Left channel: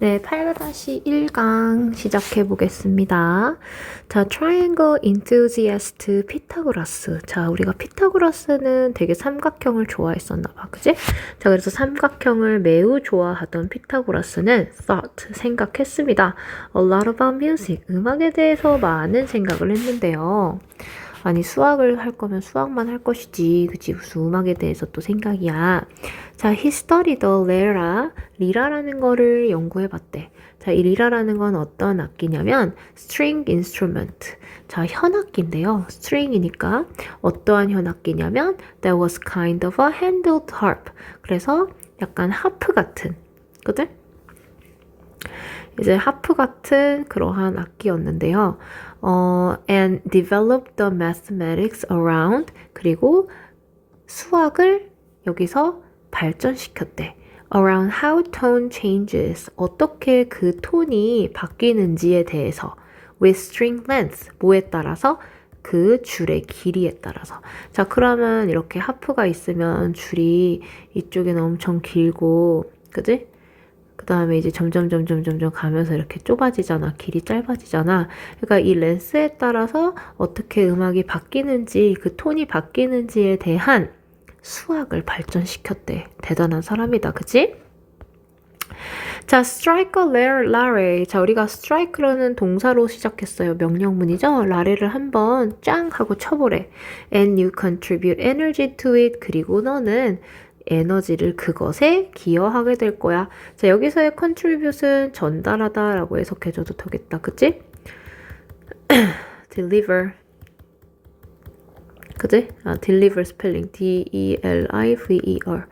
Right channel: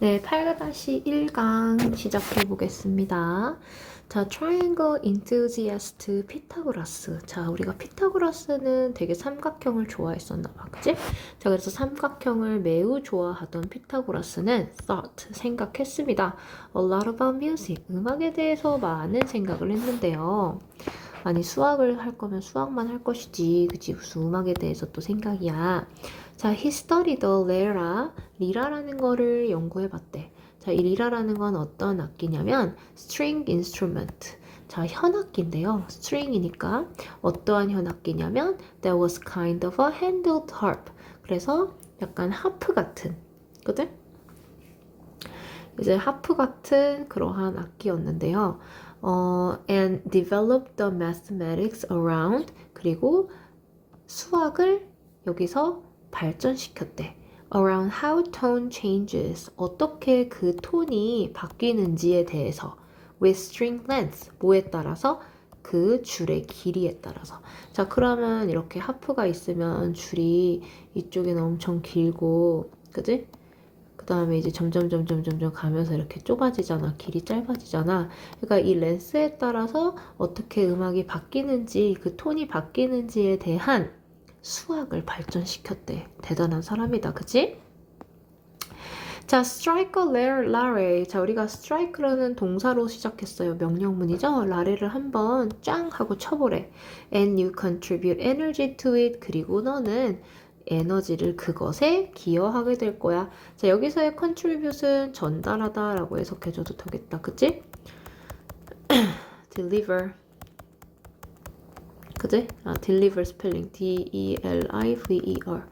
네, 8-1강 시작해 보겠습니다. 자, Triangle Enthusiast 피타고라스. 자, 우리가 피타고라스는 되게 삼각형을 좋아했었나 봐. 그지? 자, 그래서 삼각형을 매우 좋아하던 피타고라스는 thought, 생각했습니다. A lot about music, 음악에 대해서 많은 생각을 했는데요. 아니, 수학을 할 거면 수학만 할 것이지. 그치? 무슨 음악에 대해서 또 생각이야. 자, he studied the lyra. 리라라는 거를 연구해봤대. 자, 이 리라라는 건 어떤 악기냐면 string instrument. 자, 현악기인데요. string이니까 어떠한 현악기냐면 that was kind of a handled harp. 그래서 약간 하프 같은, 그지? 이제 하프 같은 그러한 악기였는데요. And developed the mathematics around. 그리고 수학을 여기서 발전시켰대. Around how tone changes. 어떻게 그 톤이 바뀌는지에 대해서. With string length. 뭐에 따라서? 그 줄의 길이에 따라서. 자, 그러면 이렇게 하프가 있으면 줄이 이쪽에는 엄청 길고, 그지? 그 다음에 이제 점점 가면서 이렇게 좁아지잖아. 길이 짧아지잖아. 그러니까 이 렌스에 따라서 어떻게 음악이 바뀌는지, 그 톤이 바뀌는지에 대한 수학을 발전시켰대. 대단한 사람이다. 그치? 자, strike a lare. 자, 우리가 strike라는 동사로 시작했어요. 명령문이죠. 라레를 한번 짱 하고 쳐보래. And you contribute energy to it. 그리고 너는 에너지를 그것에 기여하게 될 거야. 자, 여기서의 contribute은 전달하다 라고 해석해줘도 되겠다. 그치? deliver. 그지? deliver 스펠링 D-E-L-I-V-E-R.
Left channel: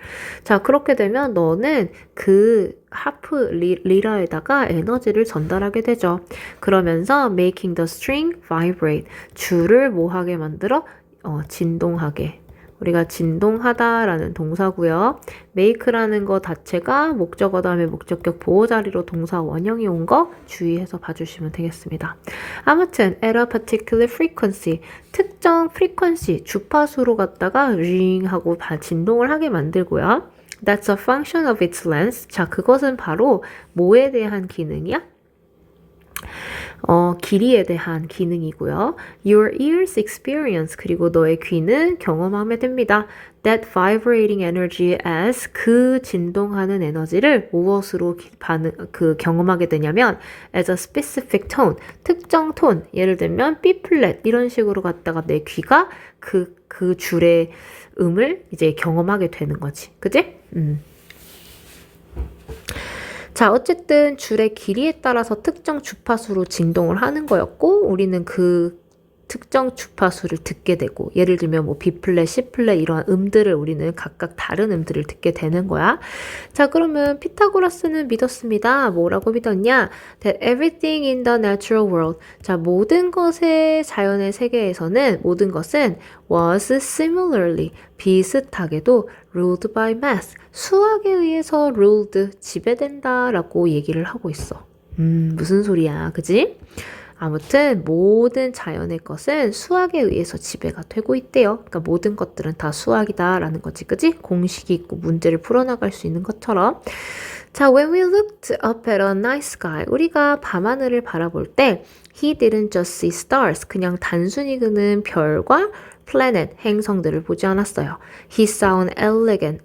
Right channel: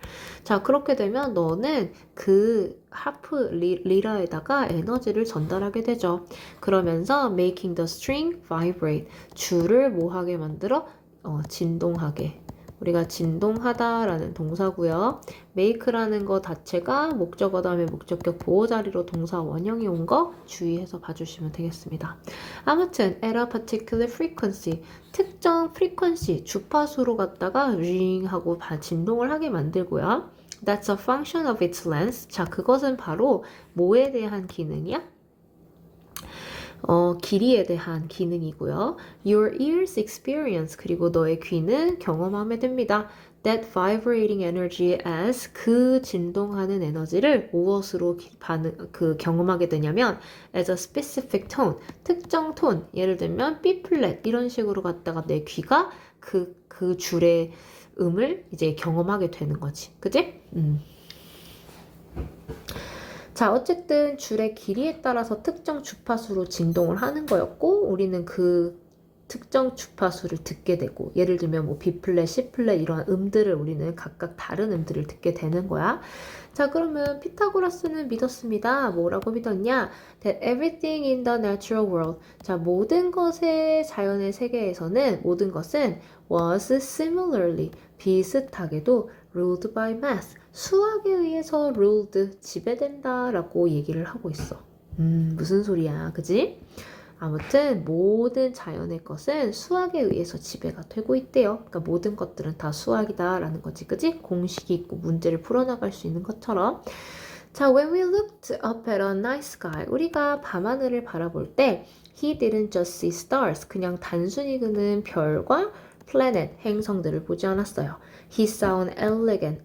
자, 그렇게 되면 너는 그 하프 리라에다가 에너지를 전달하게 되죠. 그러면서 making the string vibrate. 줄을 뭐하게 만들어? 진동하게. 우리가 진동하다라는 동사고요. make라는 거 자체가 목적어 다음에 목적격 보호 자리로 동사 원형이 온 거 주의해서 봐주시면 되겠습니다. 아무튼 at a particular frequency, 특정 frequency, 주파수로 갖다가 ring 하고 진동을 하게 만들고요. That's a function of its length. 자, 그것은 바로 뭐에 대한 기능이야? 길이에 대한 기능이고요. Your ears experience. 그리고 너의 귀는 경험하게 됩니다. That vibrating energy as. 그 진동하는 에너지를 무엇으로 경험하게 되냐면 as a specific tone. 특정 톤. 예를 들면 B flat 이런 식으로 갖다가 내 귀가 그 줄의 음을 이제 경험하게 되는 거지. 그지? 자, 어쨌든 줄의 길이에 따라서 특정 주파수로 진동을 하는 거였고, 우리는 그 특정 주파수를 듣게 되고, 예를 들면 뭐 B 플랫, C 플랫 이러한 음들을 우리는 각각 다른 음들을 듣게 되는 거야. 자, 그러면 피타고라스는 믿었습니다. 뭐라고 믿었냐? That everything in the natural world. 자, 모든 것의 자연의 세계에서는 모든 것은 was similarly 비슷하게도 ruled by math. 수학에 의해서 ruled 지배된다라고 얘기를 하고 있어. 무슨 소리야, 그지? 아무튼 모든 자연의 것은 수학에 의해서 지배가 되고 있대요. 그러니까 모든 것들은 다 수학이다라는 거지, 그지? 공식이 있고 문제를 풀어나갈 수 있는 것처럼. 자, when we looked up at a night sky, 우리가 밤하늘을 바라볼 때 he didn't just see stars, 그냥 단순히 그는 별과 planet, 행성들을 보지 않았어요. He saw an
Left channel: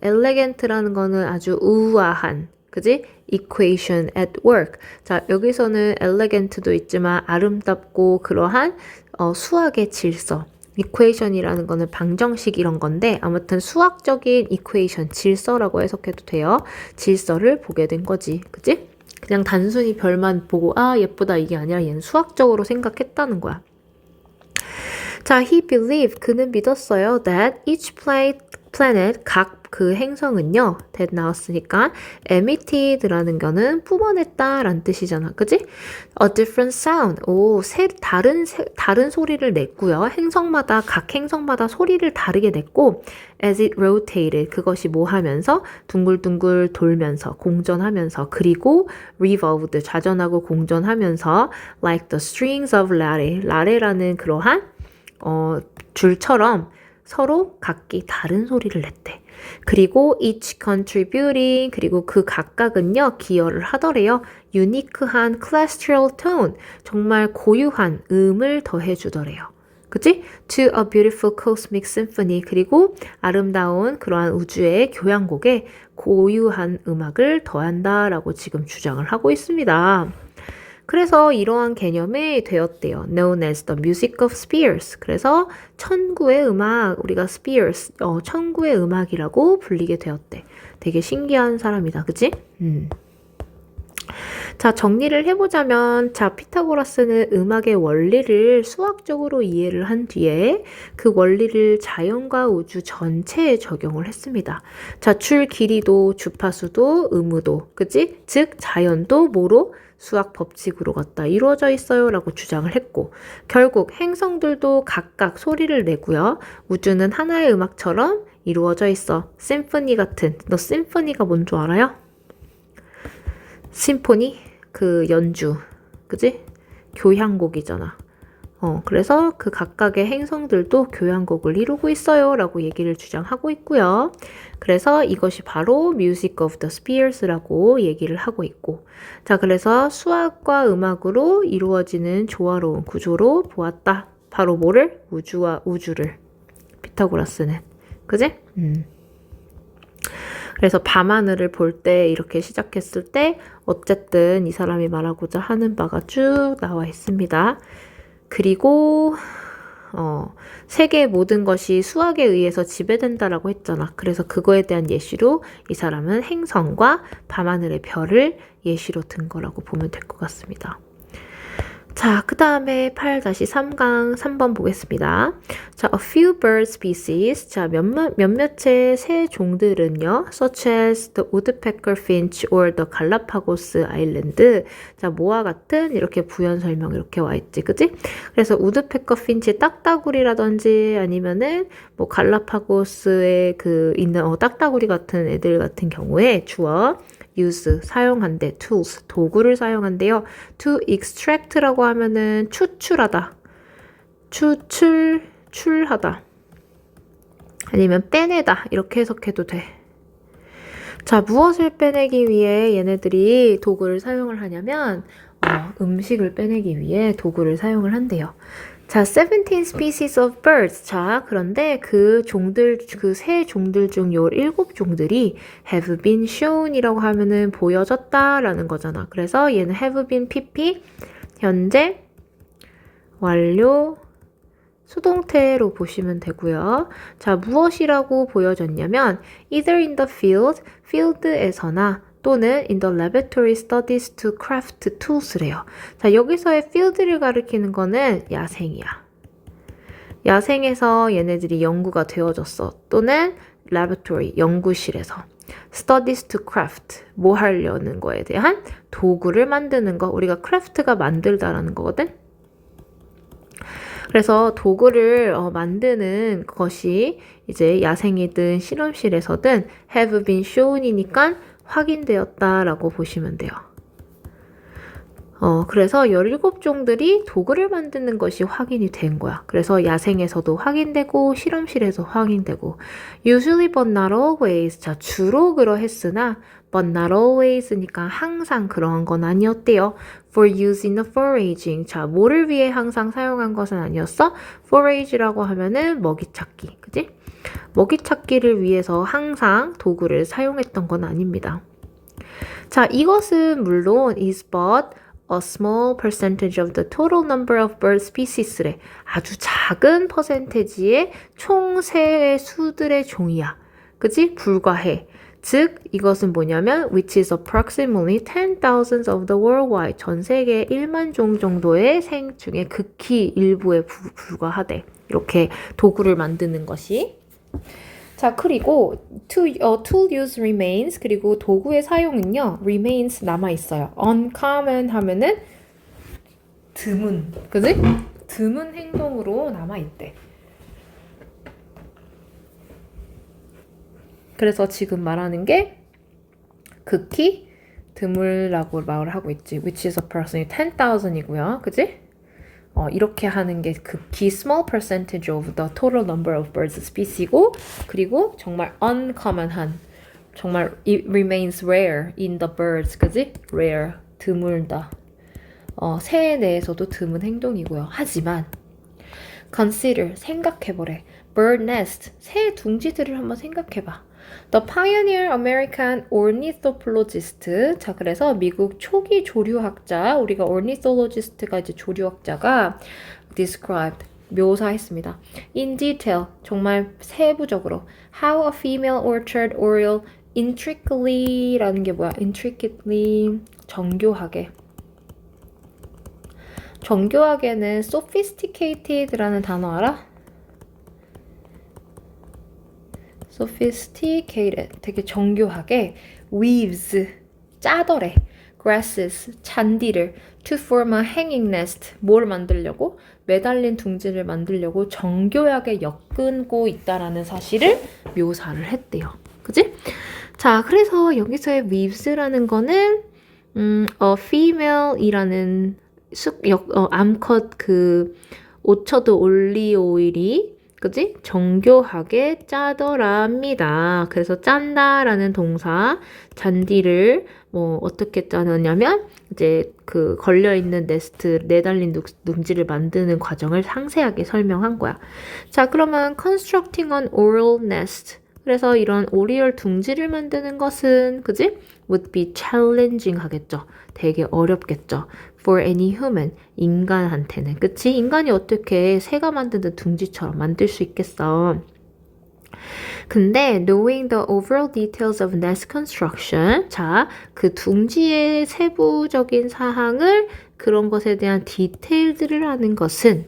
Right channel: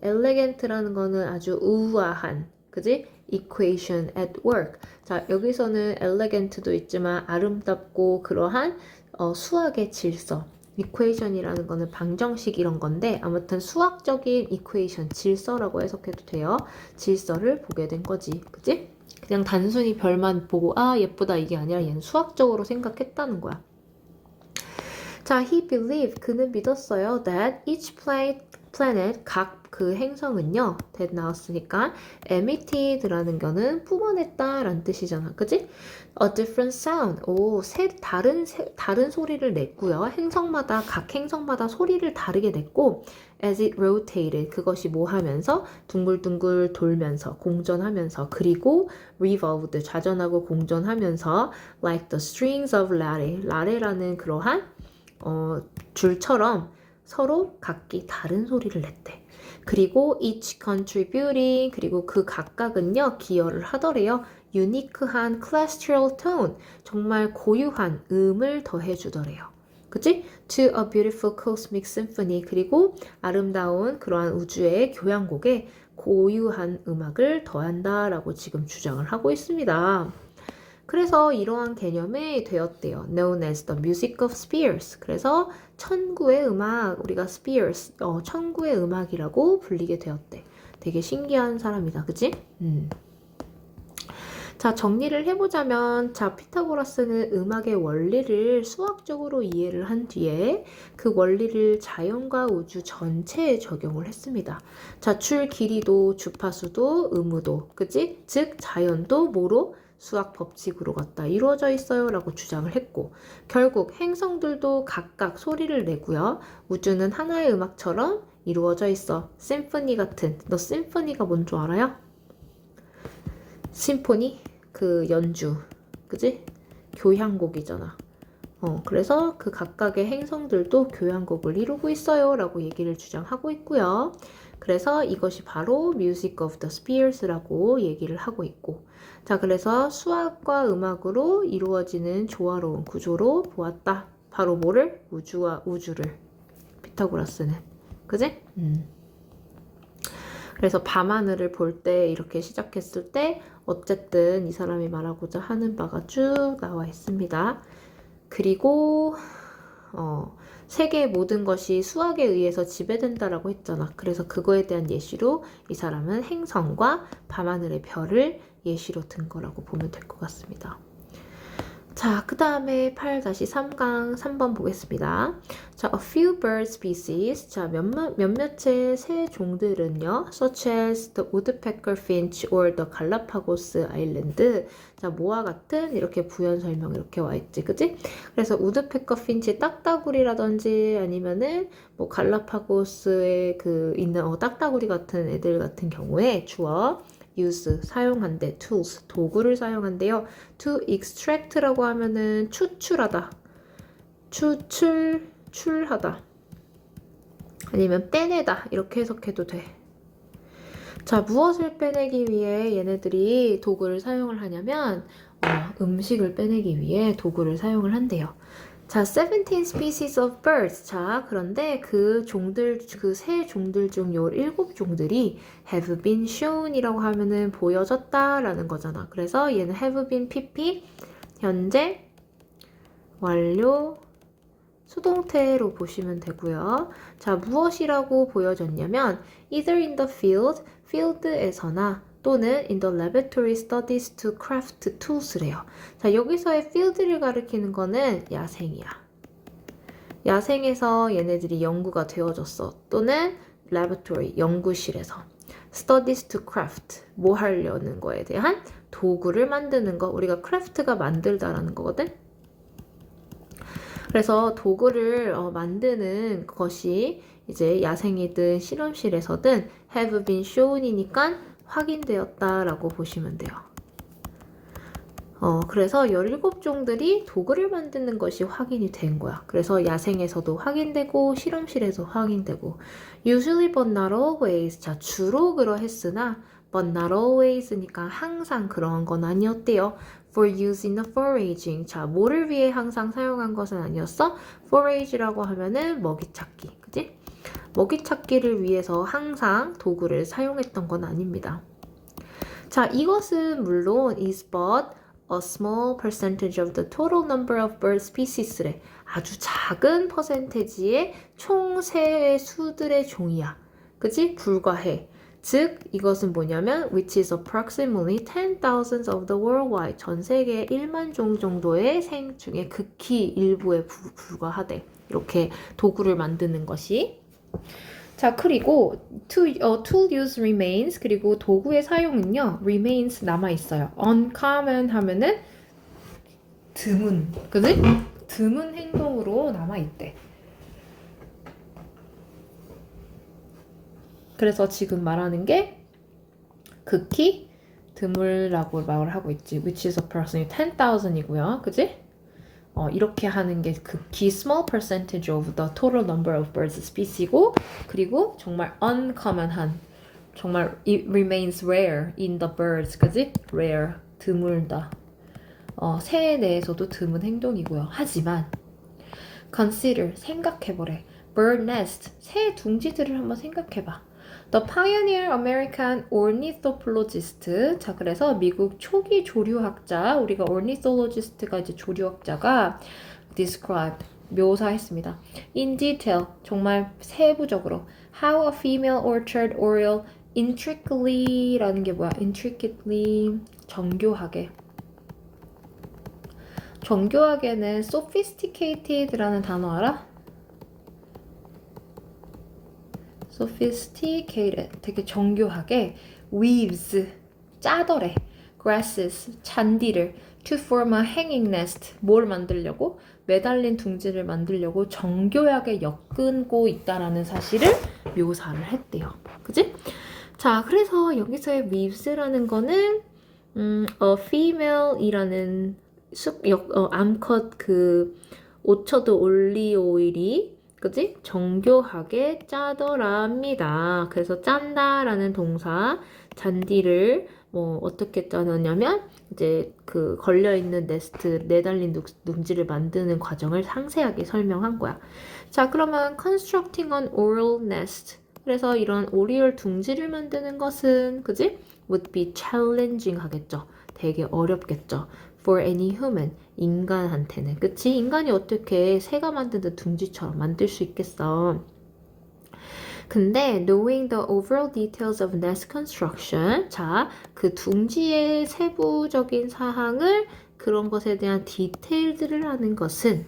elegant라는 거는 아주 우아한, 그지? equation at work. 자, 여기서는 elegant도 있지만 아름답고 그러한 수학의 질서. equation이라는 거는 방정식 이런 건데 아무튼 수학적인 equation, 질서라고 해석해도 돼요. 질서를 보게 된 거지. 그지? 그냥 단순히 별만 보고 아 예쁘다 이게 아니라 얘는 수학적으로 생각했다는 거야. 자, he believed, 그는 믿었어요. That each planet, 각 그 행성은요. that 나왔으니까 emitted라는 거는 뿜어냈다라는 뜻이잖아. 그지? A different sound. 오, 다른 소리를 냈고요. 각 행성마다 소리를 다르게 냈고 as it rotated. 그것이 뭐 하면서? 둥글둥글 돌면서, 공전하면서, 그리고 revolved. 좌전하고 공전하면서 like the strings of 라레라는 그러한 줄처럼 서로 각기 다른 소리를 냈대. 그리고 each contributing 그리고 그 각각은요 기여를 하더래요. 유니크한 classical tone 정말 고유한 음을 더해주더래요. 그치? To a beautiful cosmic symphony 그리고 아름다운 그러한 우주의 교향곡에 고유한 음악을 더한다라고 지금 주장을 하고 있습니다. 그래서 이러한 개념이 되었대요. Known as the music of spheres. 그래서 천구의 음악, 우리가 spheres, 천구의 음악이라고 불리게 되었대. 되게 신기한 사람이다. 그치? 자, 정리를 해보자면, 자, 피타고라스는 음악의 원리를 수학적으로 이해를 한 뒤에 그 원리를 자연과 우주 전체에 적용을 했습니다. 자, 줄 길이도 주파수도 의무도, 그치? 즉, 자연도 뭐로? 수학 법칙으로 갖다 이루어져 있어요 라고 주장을 했고 결국 행성들도 각각 소리를 내고요. 우주는 하나의 음악처럼 이루어져 있어. 심포니 같은 너 심포니가 뭔 줄 알아요? 심포니? 그 연주 그지? 교향곡이잖아. 그래서 그 각각의 행성들도 교향곡을 이루고 있어요 라고 얘기를 주장하고 있고요. 그래서 이것이 바로 Music of the Spheres라고 얘기를 하고 있고 자 그래서 수학과 음악으로 이루어지는 조화로운 구조로 보았다. 바로 뭐를? 우주와 우주를 피타고라스는 그지? 그래서 밤하늘을 볼 때 이렇게 시작했을 때 어쨌든 이 사람이 말하고자 하는 바가 쭉 나와 있습니다. 그리고 세계의 모든 것이 수학에 의해서 지배된다라고 했잖아. 그래서 그거에 대한 예시로 이 사람은 행성과 밤하늘의 별을 예시로 든 거라고 보면 될 것 같습니다. 자, 그 다음에 8-3강 3번 보겠습니다. 자, a few bird species. 자, 몇몇의 새 종들은요, such as the woodpecker finch or the Galapagos Island. 자, 뭐와 같은 이렇게 부연 설명 이렇게 와 있지, 그지? 그래서 우드페커 핀치 딱따구리라든지 아니면은 뭐 갈라파고스에 그 있는 딱따구리 같은 애들 같은 경우에 주어 use 사용한대 tools 도구를 사용한대요. to extract라고 하면은 추출하다, 출하다 아니면 빼내다 이렇게 해석해도 돼. 자 무엇을 빼내기 위해 얘네들이 도구를 사용을 하냐면 음식을 빼내기 위해 도구를 사용을 한대요. 자, 17 species of birds. 자, 그런데 그 종들, 그 새 종들 중 요 7종들이 have been shown 이라고 하면은 보여졌다라는 거잖아. 그래서 얘는 have been pp, 현재, 완료, 수동태로 보시면 되고요. 자, 무엇이라고 보여졌냐면 either in the field, field에서나 또는 in the laboratory studies to craft tools래요. 자, 여기서의 field를 가리키는 거는 야생이야. 야생에서 얘네들이 연구가 되어졌어. 또는 laboratory, 연구실에서. studies to craft, 뭐 하려는 거에 대한 도구를 만드는 거. 우리가 craft가 만들다라는 거거든. 그래서 도구를 만드는 것이 이제 야생이든 실험실에서든 have been shown이니까 확인되었다라고 보시면 돼요. 그래서 17종들이 도구를 만드는 것이 확인이 된 거야. 그래서 야생에서도 확인되고 실험실에서 확인되고 usually but not always. 자, 주로 그러했으나 but not always니까 항상 그러한 건 아니었대요. For use in the foraging. 자, 뭐를 위해 항상 사용한 것은 아니었어? forage라고 하면은 먹이 찾기. 그지? 먹이 찾기를 위해서 항상 도구를 사용했던 건 아닙니다. 자, 이것은 물론 is but a small percentage of the total number of bird species래. 아주 작은 퍼센테지의 총 새의 수들의 종이야. 그지? 불과해. 즉, 이것은 뭐냐면 which is approximately 10,000 of the worldwide. 전 세계 1만 종 정도의 생 중에 극히 일부에 불과하대. 이렇게 도구를 만드는 것이. 자, 그리고 tool use remains 그리고 도구의 사용은요 remains 남아있어요. uncommon 하면은 드문, 그지? 드문 행동으로 남아있대. 그래서 지금 말하는 게 극히 드물라고 말을 하고 있지. which is approximately 10,000이고요. 그지? 이렇게 하는 게 극히 small percentage of the total number of birds species고 그리고 정말 uncommon한 정말 it remains rare in the birds 그지? rare 드물다 새에 대해서도 드문 행동이고요. 하지만 consider 생각해보래 bird nest 새 둥지들을 한번 생각해봐. The pioneer American ornithologist. 자, 그래서 미국 초기 조류학자, 우리가 ornithologist가 이제 조류학자가 described, 묘사했습니다. In detail, 정말 세부적으로 how a female orchard oriole intricately라는 게 뭐야? intricately, 정교하게. 정교하게는 sophisticated라는 단어 알아? sophisticated, 되게 정교하게 weaves, 짜더래 grasses, 잔디를 to form a hanging nest, 뭘 만들려고? 매달린 둥지를 만들려고 정교하게 엮고 있다라는 사실을 묘사를 했대요. 그지? 자, 그래서 여기서의 weaves라는 거는 a female이라는 암컷 그 오처드 올리오일이 그지? 정교하게 짜더랍니다. 그래서 짠다라는 동사, 잔디를 어떻게 짜느냐면 이제 그 걸려있는 네스트, 내달린 둥지를 만드는 과정을 상세하게 설명한 거야. 자, 그러면 constructing an oriole nest. 그래서 이런 오리올 둥지를 만드는 것은 그지? would be challenging 하겠죠. 되게 어렵겠죠. for any human, 인간한테는. 그치? 인간이 어떻게 새가 만드는 둥지처럼 만들 수 있겠어. 근데 knowing the overall details of nest construction, 자, 그 둥지의 세부적인 사항을 그런 것에 대한 디테일들을 아는 것은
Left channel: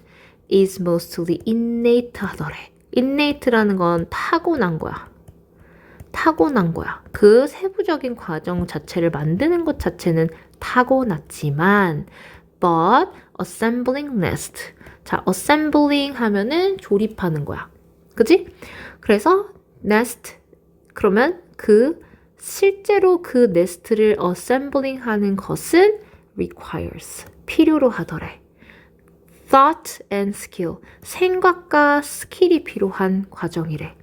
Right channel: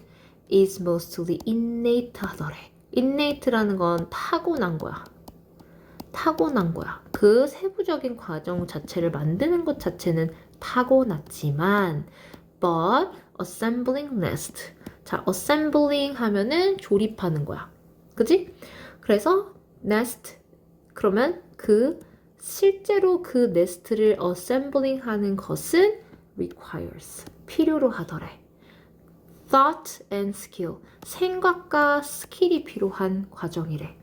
is mostly innate 하더래. innate라는 건 타고난 거야. 타고난 거야. 그 세부적인 과정 자체를 만드는 것 자체는 타고났지만 but assembling nest. 자, assembling 하면은 조립하는 거야. 그지? 그래서 nest 그러면 실제로 그 네스트를 assembling 하는 것은 requires. 필요로 하더래. thought and skill. 생각과 스킬이 필요한 과정이래.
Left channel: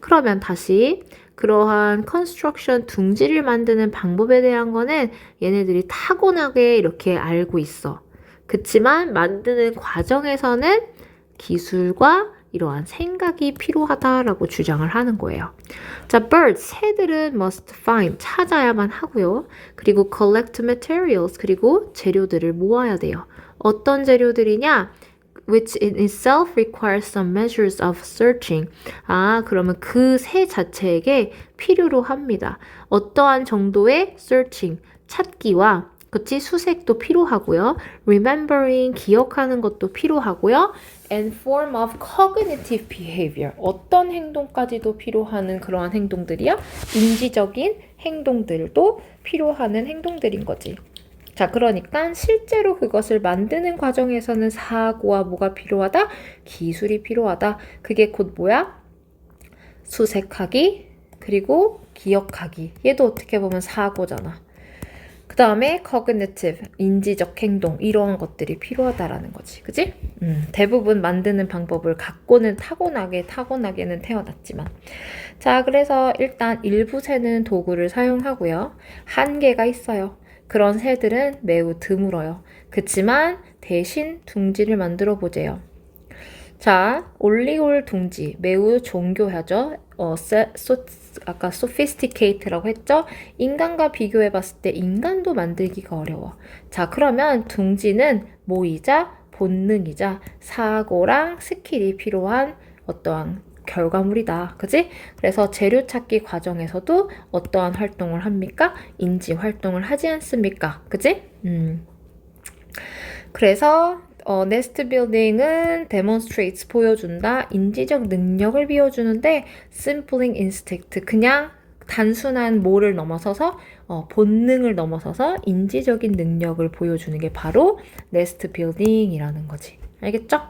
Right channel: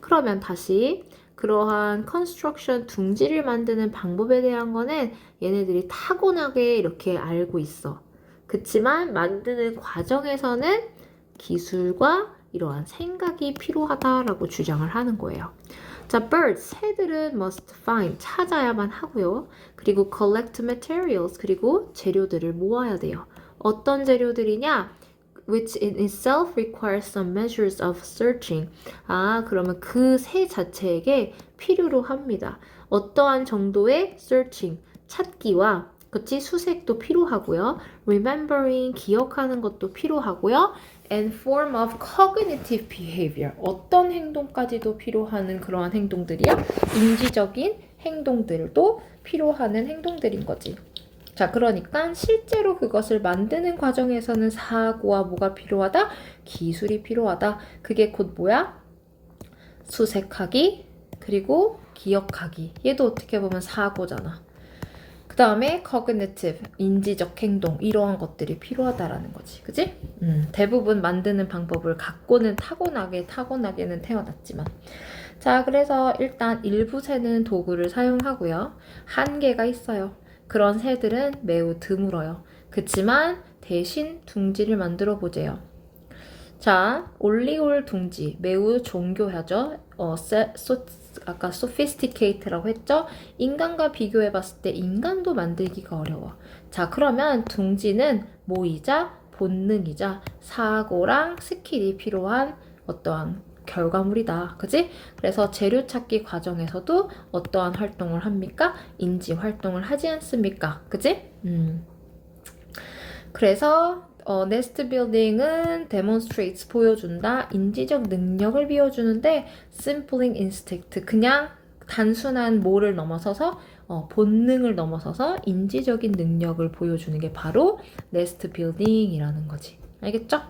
그러면 다시 그러한 컨스트럭션 둥지를 만드는 방법에 대한 거는 얘네들이 타고나게 이렇게 알고 있어. 그치만 만드는 과정에서는 기술과 이러한 생각이 필요하다라고 주장을 하는 거예요. 자, birds, 새들은 must find, 찾아야만 하고요. 그리고 collect materials, 그리고 재료들을 모아야 돼요. 어떤 재료들이냐? which in itself requires some measures of searching. 그러면 그 새 자체에게 필요로 합니다. 어떠한 정도의 searching, 찾기와 그치? 수색도 필요하고요. remembering, 기억하는 것도 필요하고요. and form of cognitive behavior. 어떤 행동까지도 필요하는 그러한 행동들이야? 인지적인 행동들도 필요하는 행동들인 거지. 자, 그러니까 실제로 그것을 만드는 과정에서는 사고와 뭐가 필요하다? 기술이 필요하다. 그게 곧 뭐야? 수색하기, 그리고 기억하기. 얘도 어떻게 보면 사고잖아. 그 다음에 cognitive, 인지적 행동, 이런 것들이 필요하다라는 거지. 그지? 대부분 만드는 방법을 갖고는 타고나게는 태어났지만. 자, 그래서 일단 일부 새는 도구를 사용하고요. 한계가 있어요. 그런 새들은 매우 드물어요. 그치만 대신 둥지를 만들어 보재요. 자, 올리올 둥지 매우 정교하죠. 아까 sophisticated라고 했죠. 인간과 비교해 봤을 때 인간도 만들기가 어려워. 자, 그러면 둥지는 모이자 본능이자 사고랑 스킬이 필요한 어떠한 결과물이다. 그지? 그래서 재료 찾기 과정에서도 어떠한 활동을 합니까? 인지 활동을 하지 않습니까? 그지? 그래서 네스트 빌딩은 demonstrates, 보여준다. 인지적 능력을 비워주는데 simpling instinct, 그냥 단순한 뭐를 넘어서서 본능을 넘어서서 인지적인 능력을 보여주는 게 바로 네스트 빌딩이라는 거지. 알겠죠?